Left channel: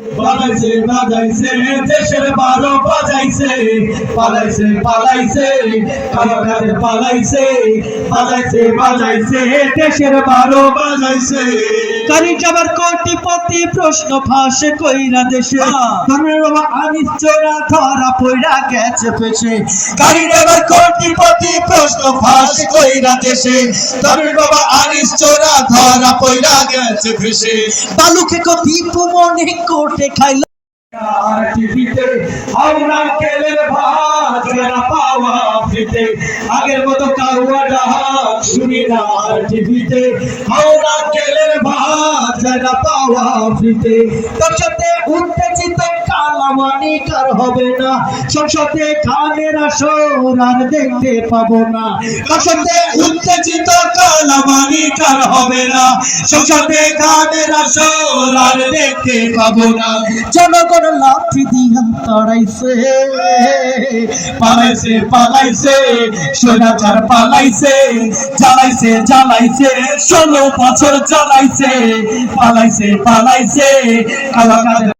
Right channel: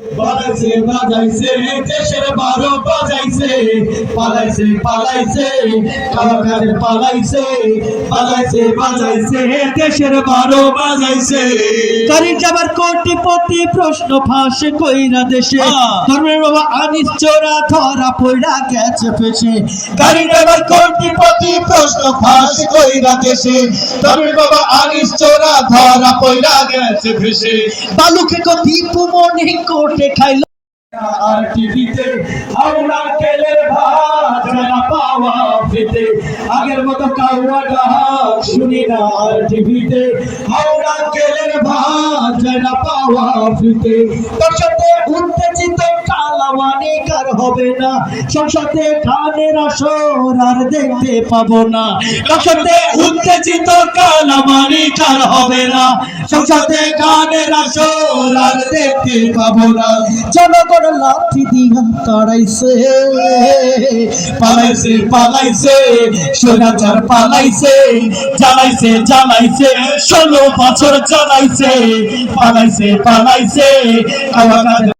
বাজাইছে বাজাইছে দেশের 12 বাজাইছে পালাইছে পালাইছে কারাগারে পালাইছে বাজাইছে বাজাইছে দেশের 12 বাজাইছে গাড়ি যাবার কোটিপতি প্রশ্ন ফাঁসে কইরা দেশে ধর্মের বাবা আনিস চোরা ধরা পইরা গেছে ফেসে গাড়ি ড্রাইভার কোটিপতি প্রশ্ন ফাঁসে কইরা দেশে ধর্মের বাবা আনিস চোরা ধরা পইরা গেছে ফেসে বালুকে দীপু মনে কোটে খাইল আর টিভিতে হাওড়া কেলের ভাত যারা পাওয়া ফিতে আগের মতো কাউয়া ডাক শুনি না আর টিভিতে হাওড়া কেলের ভাত যারা পাওয়া ফিতে তোর সাথে উত্তেজিত কালামানি কার হবে না সংসদে খানের আসর আর দেখতে পাবো না তোর সাথে উত্তেজিত কালামানি কার হবে না সংসদে গানের আসর আর দেখতে পাবো না জনগণ লাঠি দিয়া তাড়াইছে পালাইছে পালাইছে সোনাচার পালাইছে জ্বালাইছে জ্বালাইছে 16 বছর জ্বালাইছে পালাইছে পালাইছে